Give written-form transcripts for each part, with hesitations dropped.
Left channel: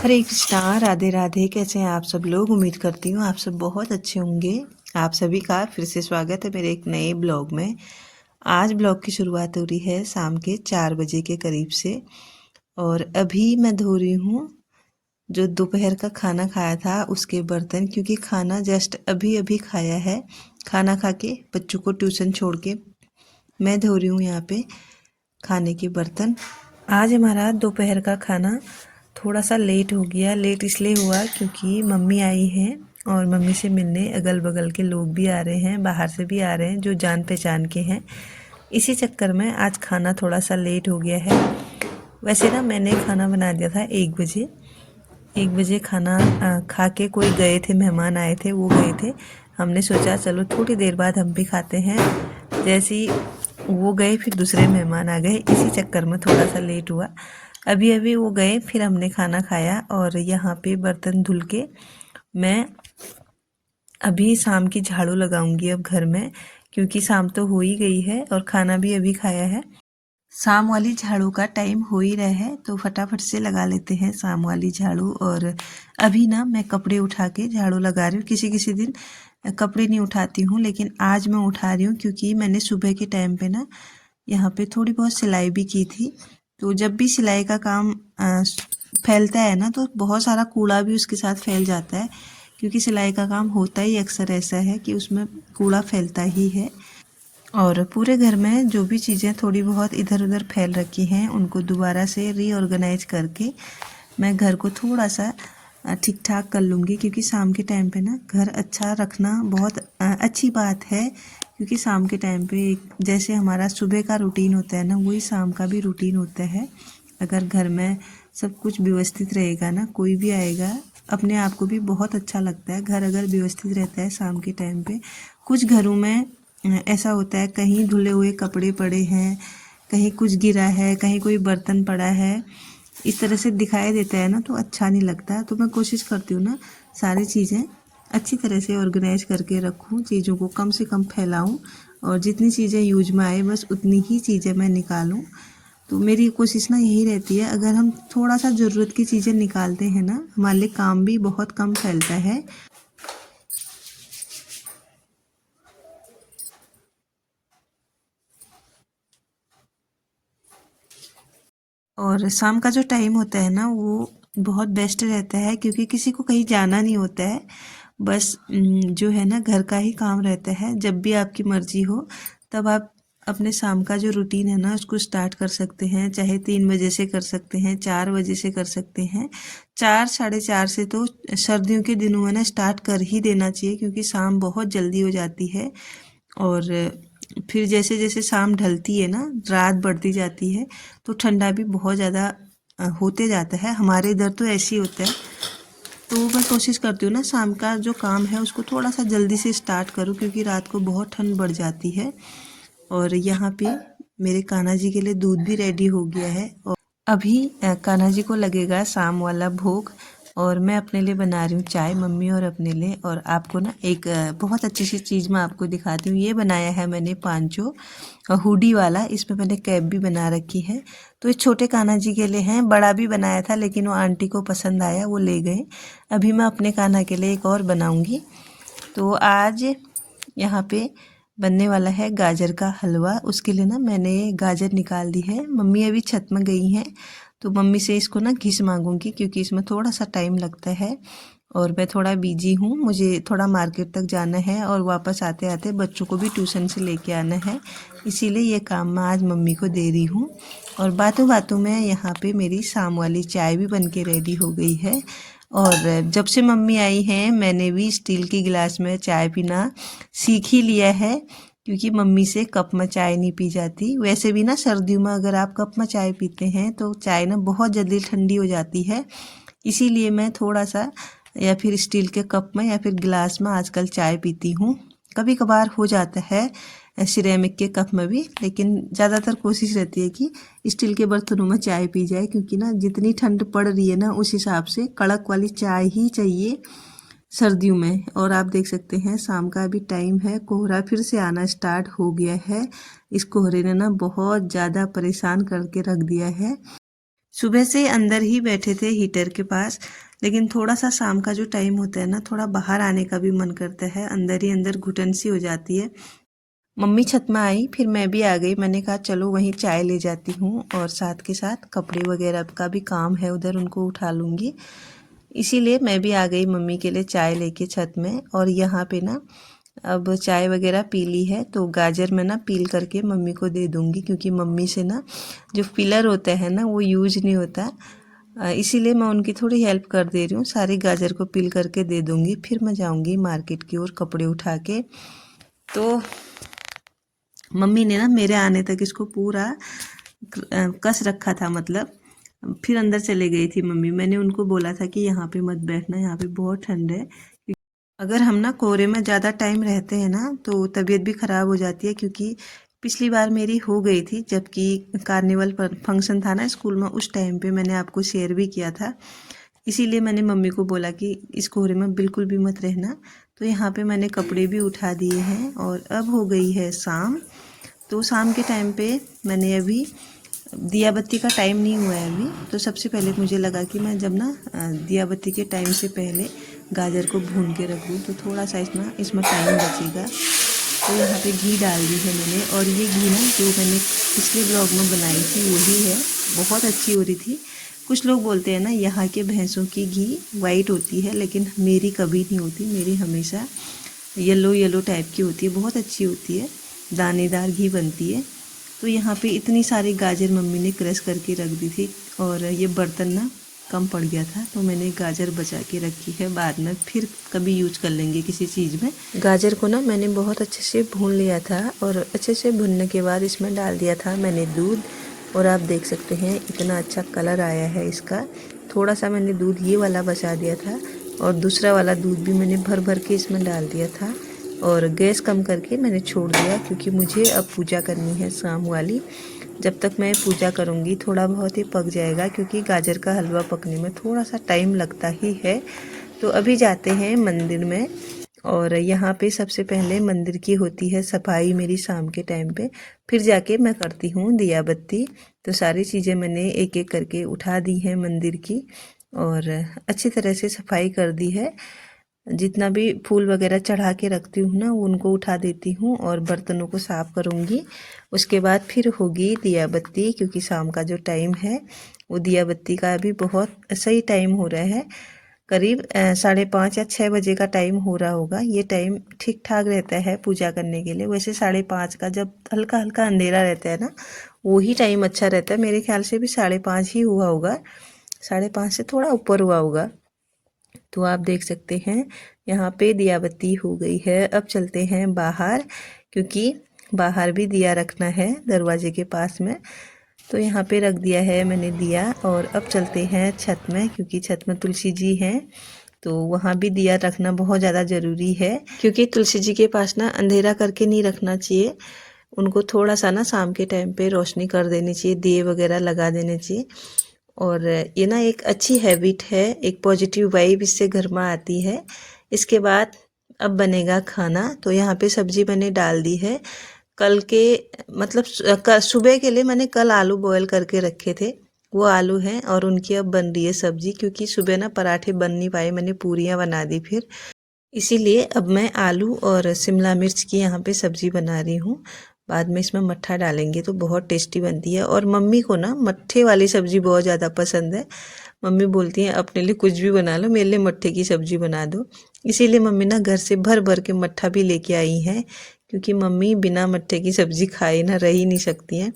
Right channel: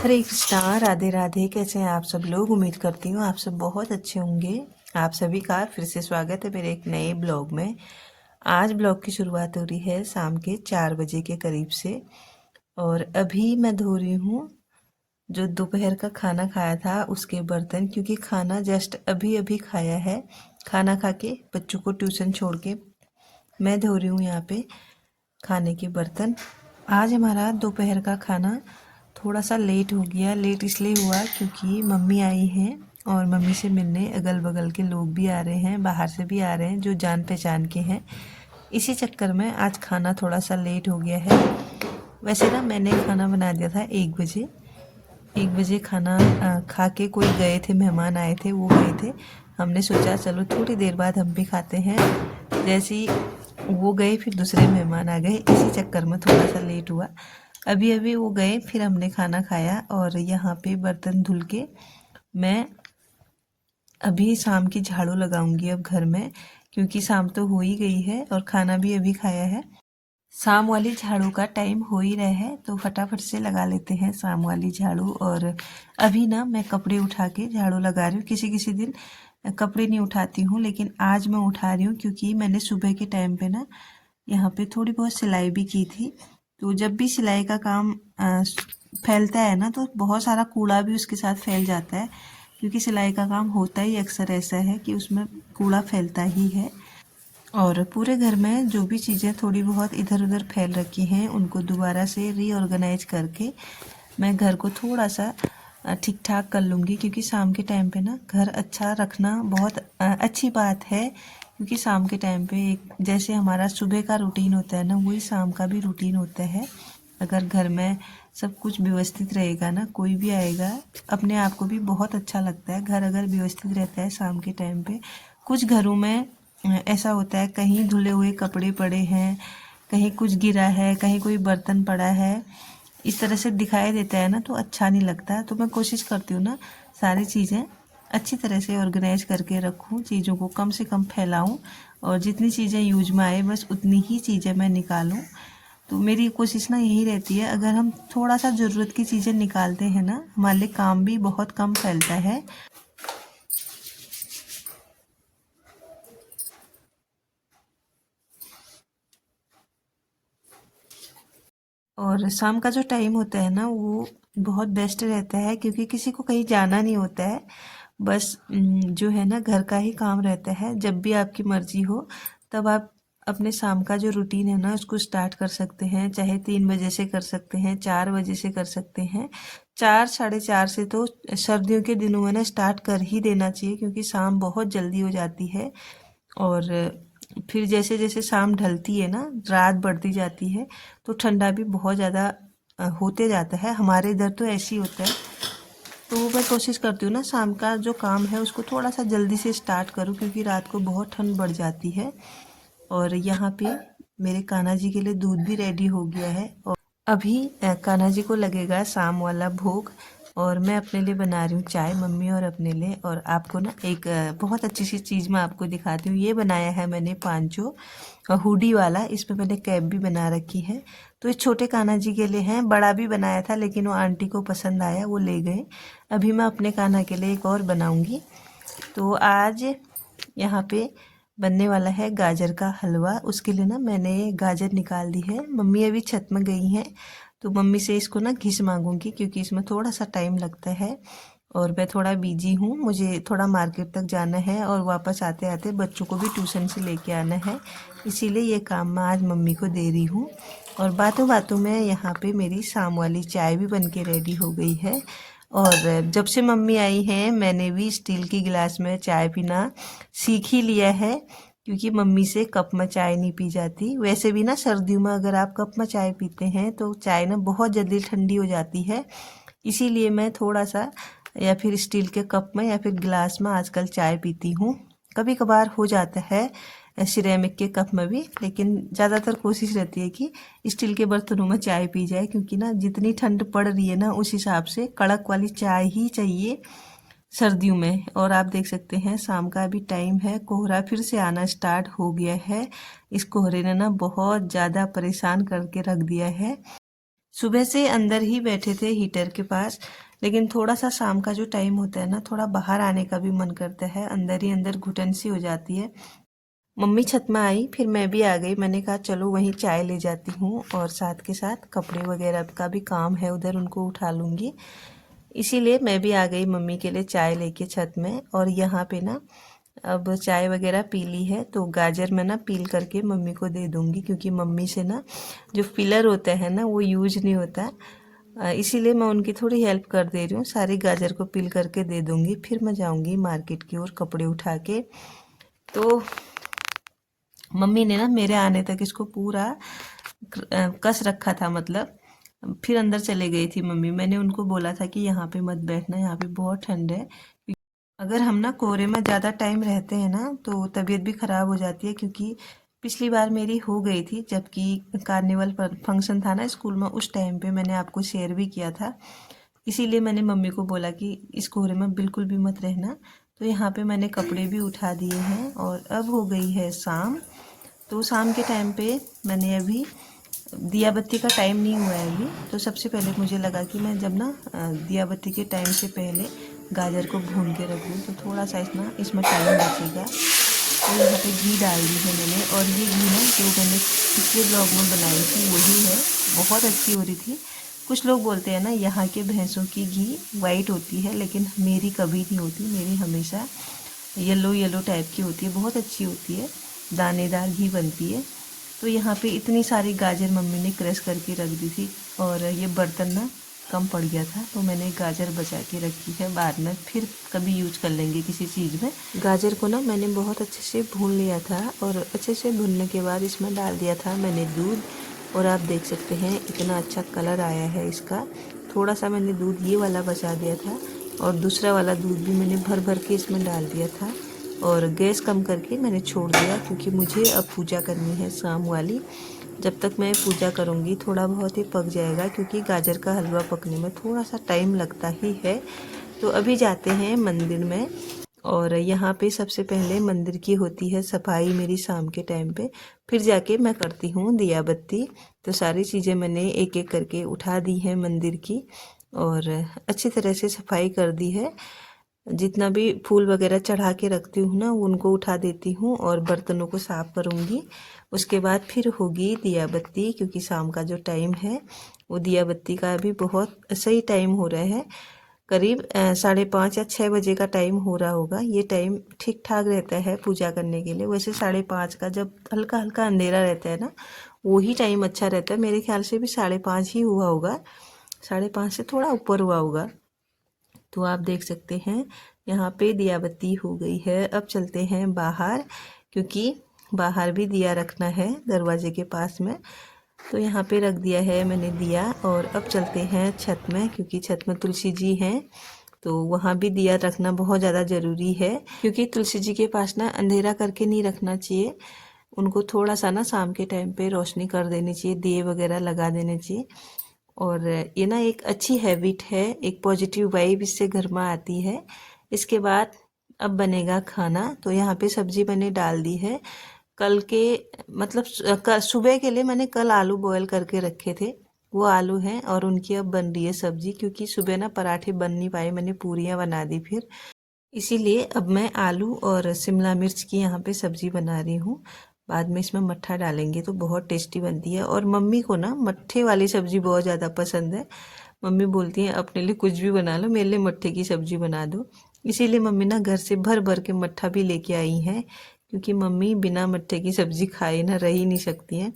हरे कृष्णा, राधे राधे। कैसे हैं आप सब लोग? उम्मीद करती हूँ आप सब बहुत अच्छे होंगे। आप सभी का फिर से स्वागत है मेरे एक नए ब्लॉग में। आज ब्लॉग की शुरुआत हो रही है शाम के 4 बजे के करीब से। और अभी मैं धो रही हूँ जो दोपहर का खाना खाया था उसके बर्तन, क्योंकि खाना जस्ट अभी अभी खाया है। खाना खा के बच्चों को ट्यूशन छोड़ के मैं धो रही हूँ यहाँ पे खाने के बर्तन। आज हमारा दोपहर का खाना थोड़ा सा लेट हो गया। लेट इसलिए हुआ क्योंकि मम्मी आई हैं और मम्मी से मिलने अगल बगल के लोग भी आ रहे हैं, बाहर से भी आ रहे हैं जो जान पहचान के हैं। इसी चक्कर में आज खाना थोड़ा सा लेट हो गया है। वैसे ना मैंने खाना बना दिया था 1 बजे। 1 बजे खाना खा के कोई गए थे, मेहमान आए थे, वो गए थे। हमने सोचा चलो थोड़ी देर बाद हम भी खाते हैं। जैसे ही वो गए फिर दूसरे मेहमान आ गए, इसी चक्कर में थोड़ा सा लेट हुआ। अभी अभी वो गए फिर हमने खाना खाया। और यहाँ पे बर्तन धुल के मैं अभी शाम की झाड़ू लगाऊंगी अब घर में, क्योंकि शाम तो हो ही गई है और खाना भी अभी खाया है। शाम वाली झाड़ू का टाइम हो ही रहा है तो फटाफट से लगा लेते हैं शाम वाली झाड़ू। और अभी ना मैं कपड़े उठा के झाड़ू लगा रही हूँ। किसी किसी दिन कपड़े नहीं उठाती हूँ, लेकिन आज मैं उठा रही हूँ क्योंकि मैंने सुबह के टाइम पे ना यहाँ पे थोड़ी बहुत सिलाई भी की थी। तो जब भी सिलाई का काम फैलता है ना तो बहुत सारा कूड़ा भी उसके साथ फैल जाता है, क्योंकि सिलाई का काम होता ही अक्सर ऐसा है कि उसमें कूड़ा फैलता ही है। और पूरे घर में जो भी चीज़ें थोड़ी बहुत इधर उधर फैल रखी हैं उनको दोबारा से रीऑर्गेनाइज करके मैं घर को थोड़ा सा ठीक ठाक कर लूँगी, क्योंकि शाम के टाइम पे ना घर अच्छा रखना बहुत अच्छी बात है। क्योंकि शाम के टाइम पे जैसे हमारा सुबह का रूटीन होता है ना, वही शाम का भी रूटीन होता है। अगर घर में सब कुछ व्यवस्थित रहेगा ना, कोई भी आएगा अपने आप को भी बहुत अच्छा लगता है। घर अगर व्यवस्थित रहता है शाम के टाइम पे। कुछ घरों में ऐसा होता है, कहीं धुले हुए कपड़े पड़े हैं, कहीं कुछ गिरा है, कहीं कोई बर्तन पड़ा है, इस तरह से दिखाई देता है ना तो अच्छा नहीं लगता। तो मैं कोशिश करती हूँ ना सारी चीज़ें अच्छी तरह से ऑर्गेनाइज करके रखूँ, चीज़ों को कम से कम फैलाऊँ और जितनी चीज़ें यूज में आए बस उतनी ही चीज़ें मैं निकालूँ। तो मेरी कोशिश ना यही रहती है, अगर हम थोड़ा सा ज़रूरत की चीज़ें निकालते हैं ना, हमारे लिए काम भी बहुत कम फैलता है। और शाम का जो टाइम होता है ना वो बहुत बेस्ट रहता है, क्योंकि किसी को कहीं जाना नहीं होता है। बस जो है ना घर का ही काम रहता है। जब भी आपकी मर्जी हो तब आप अपने शाम का जो रूटीन है ना उसको स्टार्ट कर सकते हैं। चाहे 3 बजे से कर सकते हैं, 4 बजे से कर सकते हैं। 4 साढ़े 4 से तो सर्दियों के दिनों में ना स्टार्ट कर ही देना चाहिए, क्योंकि शाम बहुत जल्दी हो जाती है। और फिर जैसे जैसे शाम ढलती है ना, रात बढ़ती जाती है, तो ठंडा भी बहुत ज़्यादा होते जाता है। हमारे इधर तो ऐसे ही होता है। तो मैं कोशिश करती हूँ ना शाम का जो काम है उसको थोड़ा सा जल्दी से स्टार्ट करूँ, क्योंकि रात को बहुत ठंड बढ़ जाती है। और यहाँ पे मेरे कान्हा जी के लिए दूध भी रेडी हो गया है। और अभी कान्हा जी को लगेगा शाम वाला भोग। और मैं अपने लिए बना रही हूँ चाय, मम्मी और अपने लिए। और आपको ना एक बहुत अच्छी सी चीज़ मैं आपको दिखाती हूँ। ये बनाया है मैंने पांचों हुडी वाला, इसमें मैंने कैप भी बना रखी है। तो ये छोटे कान्हा जी के लिए हैं, बड़ा भी बनाया था लेकिन वो आंटी को पसंद आया, वो ले गए। अभी मैं अपने कान्हा के लिए एक और बनाऊँगी। तो आज यहाँ पे बनने वाला है गाजर का हलवा। उसके लिए ना मैंने गाजर निकाल दी है। मम्मी अभी छत में गई हैं तो मम्मी से इसको ना घिस मांगूंगी, क्योंकि इसमें थोड़ा सा टाइम लगता है। और मैं थोड़ा बिजी हूँ, मुझे थोड़ा मार्केट तक जाना है और वापस आते आते बच्चों को भी ट्यूशन से लेके आना है। इसीलिए ये काम मैं आज मम्मी को दे रही हूँ। और बातों बातों में यहाँ पे मेरी शाम वाली चाय भी बन के रेडी हो गई है। और जब से मम्मी आई हैं मैंने भी स्टील की गिलास में चाय पीना सीख ही लिया है, क्योंकि मम्मी से कप में चाय नहीं पी जाती। वैसे भी ना सर्दियों में अगर आप कप में चाय पीते हैं तो चाय ना बहुत जल्दी ठंडी हो जाती है। इसीलिए मैं थोड़ा सा या फिर स्टील के कप में या फिर गिलास में आजकल चाय पीती हूँ। कभी कभार हो जाता है सिरेमिक के कप में भी, लेकिन ज़्यादातर कोशिश रहती है कि स्टील के बर्तनों में चाय पी जाए, क्योंकि ना जितनी ठंड पड़ रही है ना उस हिसाब से कड़क वाली चाय ही चाहिए सर्दियों में। और आप देख सकते हैं शाम का अभी टाइम है, कोहरा फिर से आना स्टार्ट हो गया है। इस कोहरे ने ना बहुत ज़्यादा परेशान करके रख दिया है। सुबह से अंदर ही बैठे थे हीटर के पास, लेकिन थोड़ा सा शाम का जो टाइम होता है ना, थोड़ा बाहर आने का भी मन करता है, अंदर ही अंदर घुटन सी हो जाती है। मम्मी छत में आई, फिर मैं भी आ गई। मैंने कहा चलो वहीं चाय ले जाती हूँ और साथ के साथ कपड़े वगैरह का भी काम है उधर, उनको उठा लूँगी। इसीलिए मैं भी आ गई मम्मी के लिए चाय लेके छत में। और यहाँ पे ना अब चाय वगैरह पी ली है, तो गाजर मैं ना पील करके मम्मी को दे दूँगी, क्योंकि मम्मी से ना जो पिलर होता है ना वो यूज नहीं होता। इसीलिए मैं उनकी थोड़ी हेल्प कर दे रही हूँ। सारे गाजर को पील करके दे दूँगी, फिर मैं जाऊँगी मार्केट की ओर कपड़े उठा के। तो मम्मी ने ना मेरे आने तक इसको पूरा कस रखा था, मतलब फिर अंदर चले गई थी मम्मी। मैंने उनको बोला था कि यहाँ पे मत बैठना, यहाँ पे बहुत ठंड है। अगर हम ना कोहरे में ज़्यादा टाइम रहते हैं ना तो तबीयत भी ख़राब हो जाती है, क्योंकि पिछली बार मेरी हो गई थी जबकि कार्निवल पर फंक्शन था ना स्कूल में, उस टाइम पे मैंने आपको शेयर भी किया था। इसीलिए मैंने मम्मी को बोला कि इस कोहरे में बिल्कुल भी मत रहना। तो यहाँ पे मैंने कपड़े भी उठा दिए हैं और अब हो गई है शाम। तो शाम के टाइम पे मैंने अभी दिया बत्ती का टाइम नहीं हुआ है अभी, तो सबसे पहले मुझे लगा कि मैं जब ना दिया बत्ती के टाइम से पहले गाजर को भून के रख दूँ तो थोड़ा सा इसमें टाइम बचेगा। तो यहाँ पे घी डाल दी है मैंने, और ये घी ना जो मैंने पिछले ब्लॉग में बनाई थी वही है, बहुत अच्छी हो रही थी। कुछ लोग बोलते हैं ना यहाँ के भैंसों की घी वाइट होती है, लेकिन मेरी कभी नहीं होती, मेरी हमेशा येलो येलो टाइप की होती है, बहुत अच्छी होती है, दानेदार घी बनती है। तो यहाँ पे इतनी सारी गाजर मम्मी ने क्रश करके रख दी थी, और ये बर्तन ना कम पड़ गया था तो मैंने गाजर बचा के रखी है, बाद में फिर कभी यूज कर लेंगे किसी चीज़ में। गाजर को ना मैंने बहुत अच्छे से भून लिया था, और अच्छे से भूनने के बाद इसमें डाल दिया था मैंने दूध, और आप देख सकते हैं इतना अच्छा कलर आया है इसका। थोड़ा सा मैंने दूध ये वाला बचा दिया था, और दूसरा वाला दूध भी मैंने भर भर के इसमें डाल दिया था, और गैस कम करके मैंने छोड़ दिया, क्योंकि मुझे अब पूजा करनी है शाम वाली। जब तक मैं पूजा करूँगी थोड़ा बहुत ही पक जाएगा, क्योंकि गाजर का हलवा पकने में थोड़ा सा टाइम लगता ही है। तो अभी जाते हैं मंदिर में, और यहाँ पे सबसे पहले मंदिर की होती है सफाई मेरी शाम के टाइम पे, फिर जाके मैं करती हूँ दिया बत्ती। तो सारी चीज़ें मैंने एक एक करके उठा दी हैं मंदिर की, और अच्छी तरह से सफाई कर दी है। जितना भी फूल वगैरह चढ़ा के रखती हूँ ना उनको उठा देती हूँ, और बर्तनों को साफ़ करूँगी। उसके बाद फिर होगी दिया बत्ती, क्योंकि शाम का जो टाइम है वो दिया बत्ती का अभी बहुत सही टाइम हो रहा है, करीब 5:30 या 6 बजे का टाइम हो रहा होगा। ये टाइम ठीक ठाक रहता है पूजा करने के लिए। वैसे 5:30 का जब हल्का हल्का अंधेरा रहता है ना, वही टाइम अच्छा रहता है। मेरे ख्याल से भी 5:30 ही हुआ होगा, 5:30 से थोड़ा ऊपर हुआ होगा। तो आप देख सकते हैं यहाँ पे दिया बत्ती हो गई है। अब चलते हैं बाहर, क्योंकि बाहर भी दिया रखना है दरवाजे के पास में। तो यहाँ पे रख दिया है मैंने दिया, और अब चलते हैं छत में, क्योंकि छत में तुलसी जी हैं, तो वहाँ भी दिया रखना बहुत ज़्यादा ज़रूरी है। क्योंकि तुलसी जी के पास ना अंधेरा करके नहीं रखना चाहिए, उनको थोड़ा सा ना शाम के टाइम पे रोशनी कर देनी चाहिए, दिए वगैरह लगा देने चाहिए। और ये ना एक अच्छी हैबिट है, एक पॉजिटिव वाइब इससे घर में आती है। इसके बाद अब बनेगा खाना। तो यहाँ पे सब्जी मैंने डाल दी है। कल के मतलब सुबह के लिए मैंने कल आलू बॉयल करके रखे थे, वो आलू हैं, और उनकी अब बन रही है सब्जी, क्योंकि सुबह ना पराठे बन नहीं पाए, मैंने पूरियाँ बना दी फिर, इसीलिए अब मैं आलू और शिमला मिर्च की यहाँ पे सब्ज़ी बना रही हूँ। बाद में इसमें मट्ठा डालेंगे तो बहुत टेस्टी बनती है, और मम्मी को ना मट्ठे वाली सब्ज़ी बहुत ज़्यादा पसंद है। मम्मी बोलती हैं अपने लिए कुछ भी बना लो, मेरे लिए मट्ठे की सब्ज़ी बना दो। इसीलिए मम्मी ना घर से भर भर के मट्ठा भी लेके आई हैं, क्योंकि मम्मी बिना मट्ठे की सब्ज़ी खाए ना रह ही नहीं सकती हैं।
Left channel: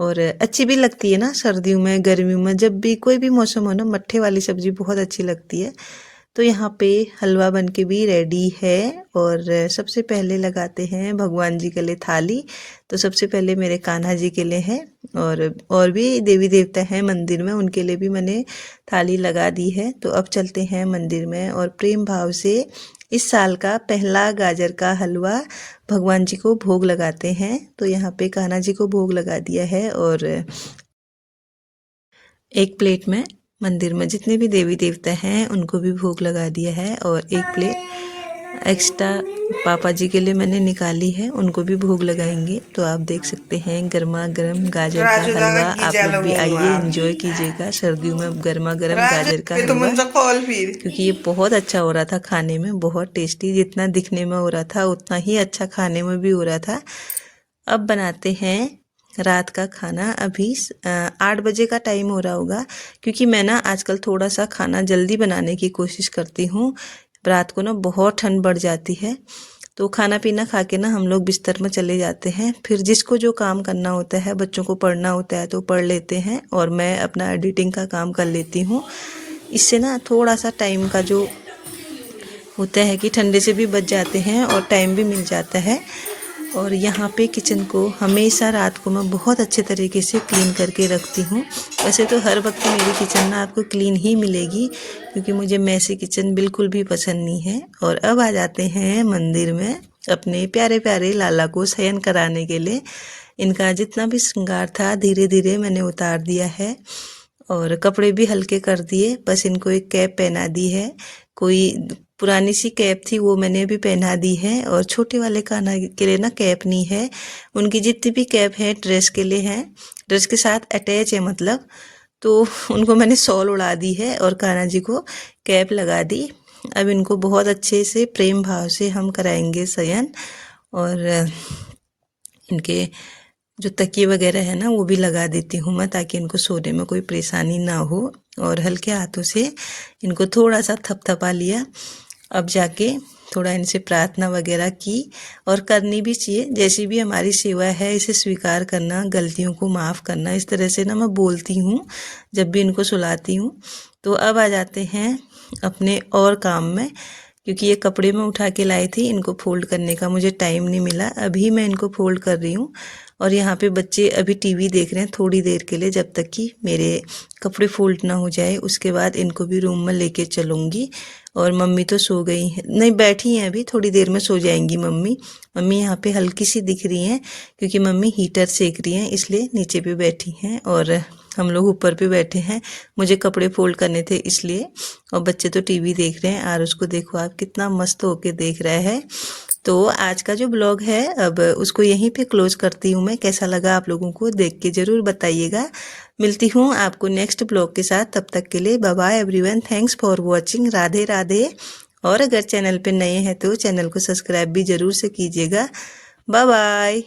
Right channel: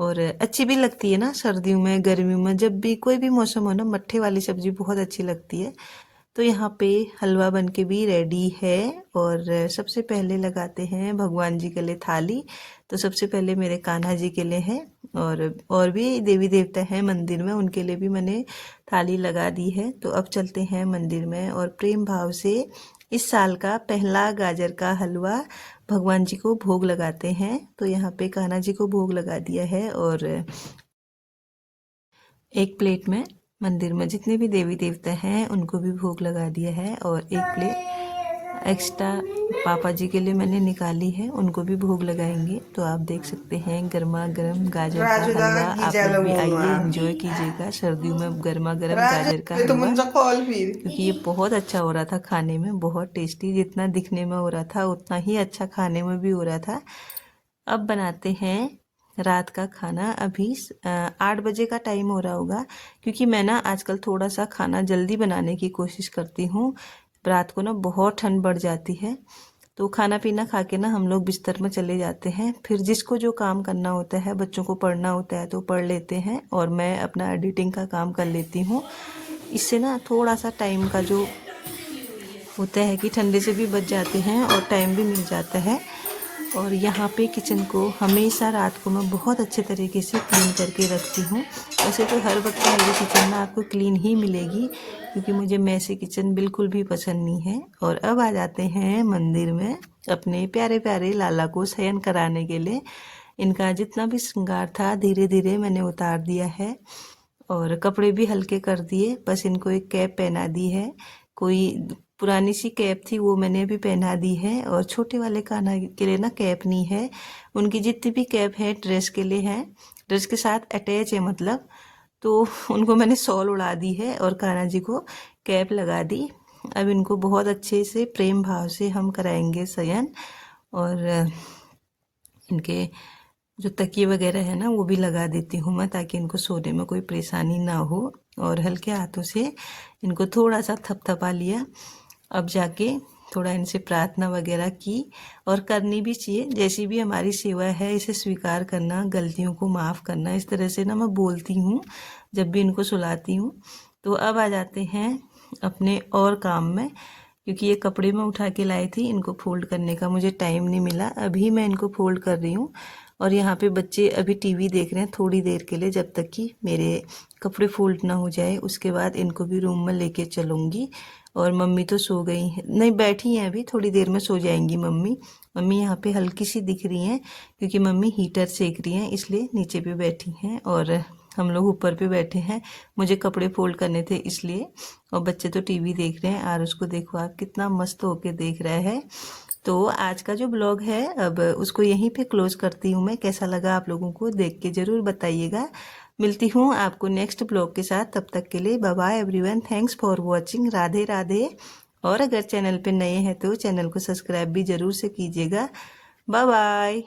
और अच्छी भी लगती है ना, सर्दियों में गर्मियों में जब भी कोई भी मौसम हो ना, मट्ठे वाली सब्ज़ी बहुत अच्छी लगती है। तो यहाँ पे हलवा बन के भी रेडी है, और सबसे पहले लगाते हैं भगवान जी के लिए थाली। तो सबसे पहले मेरे कान्हा जी के लिए है, और भी देवी देवता हैं मंदिर में, उनके लिए भी मैंने थाली लगा दी है। तो अब चलते हैं मंदिर में, और प्रेम भाव से इस साल का पहला गाजर का हलवा भगवान जी को भोग लगाते हैं। तो यहाँ पे कान्हा जी को भोग लगा दिया है, और एक प्लेट में मंदिर में जितने भी देवी देवता हैं उनको भी भोग लगा दिया है, और एक प्लेट एक्स्ट्रा पापा जी के लिए मैंने निकाली है, उनको भी भोग लगाएंगे। तो आप देख सकते हैं गर्मा गर्म गाजर का हलवा। आप लोग भी आइए, एंजॉय कीजिएगा सर्दियों में गर्मा गर्म गाजर का हलवा, क्योंकि ये बहुत अच्छा हो रहा था खाने में, बहुत टेस्टी। जितना दिखने में हो रहा था उतना ही अच्छा खाने में भी हो रहा था। अब बनाते हैं रात का खाना। अभी 8 बजे का टाइम हो रहा होगा, क्योंकि मैं ना आजकल थोड़ा सा खाना जल्दी बनाने की कोशिश करती हूँ। रात को ना बहुत ठंड बढ़ जाती है, तो खाना पीना खा के ना हम लोग बिस्तर में चले जाते हैं। फिर जिसको जो काम करना होता है, बच्चों को पढ़ना होता है तो पढ़ लेते हैं, और मैं अपना एडिटिंग का काम कर लेती हूँ। इससे ना थोड़ा सा टाइम का जो होता है कि ठंडे से भी बच जाते हैं और टाइम भी मिल जाता है। और यहाँ पे किचन को हमेशा रात को मैं बहुत अच्छे तरीके से क्लीन करके रखती हूँ। वैसे तो हर वक्त मेरी किचन ना आपको क्लीन ही मिलेगी, क्योंकि मुझे मैसी किचन बिल्कुल भी पसंद नहीं है। और अब आ जाते हैं मंदिर में अपने प्यारे प्यारे लाला को शयन कराने के लिए। इनका जितना भी श्रृंगार था धीरे धीरे मैंने उतार दिया है, और कपड़े भी हल्के कर दिए। बस इनको एक कैप पहना दी है, कोई पुरानी सी कैप थी वो मैंने भी पहना दी है। और छोटे वाले कान्हा के लिए ना कैप नहीं है, उनकी जितनी भी कैप है ड्रेस के लिए हैं, ड्रेस के साथ अटैच है मतलब। तो उनको मैंने शॉल उड़ा दी है और कान्हा जी को कैप लगा दी। अब इनको बहुत अच्छे से प्रेम भाव से हम कराएंगे शयन। और इनके जो तकिए वगैरह है ना वो भी लगा देती हूँ मैं, ताकि इनको सोने में कोई परेशानी ना हो। और हल्के हाथों से इनको थोड़ा सा थपथपा लिया। अब जाके थोड़ा इनसे प्रार्थना वगैरह की, और करनी भी चाहिए। जैसी भी हमारी सेवा है इसे स्वीकार करना, गलतियों को माफ़ करना, इस तरह से ना मैं बोलती हूँ जब भी इनको सुलाती हूँ। तो अब आ जाते हैं अपने और काम में, क्योंकि ये कपड़े में उठा के लाई थी, इनको फोल्ड करने का मुझे टाइम नहीं मिला। अभी मैं इनको फोल्ड कर रही हूँ। और यहाँ पे बच्चे अभी टीवी देख रहे हैं थोड़ी देर के लिए, जब तक कि मेरे कपड़े फोल्ड ना हो जाए। उसके बाद इनको भी रूम में लेके चलूँगी। और मम्मी तो सो गई हैं, नहीं बैठी हैं, अभी थोड़ी देर में सो जाएंगी मम्मी। मम्मी यहाँ पे हल्की सी दिख रही हैं, क्योंकि मम्मी हीटर सेक रही हैं, इसलिए नीचे पे बैठी हैं और हम लोग ऊपर पे बैठे हैं। मुझे कपड़े फोल्ड करने थे इसलिए। और बच्चे तो टीवी देख रहे हैं, और उसको देखो आप कितना मस्त होके देख रहा है। तो आज का जो ब्लॉग है अब उसको यहीं पे क्लोज करती हूँ मैं। कैसा लगा आप लोगों को देख के ज़रूर बताइएगा। मिलती हूँ आपको नेक्स्ट ब्लॉग के साथ, तब तक के लिए bye bye everyone. Thanks for watching. Radhe Radhe. और अगर चैनल पे नए हैं तो चैनल को सब्सक्राइब भी ज़रूर से कीजिएगा। Bye bye.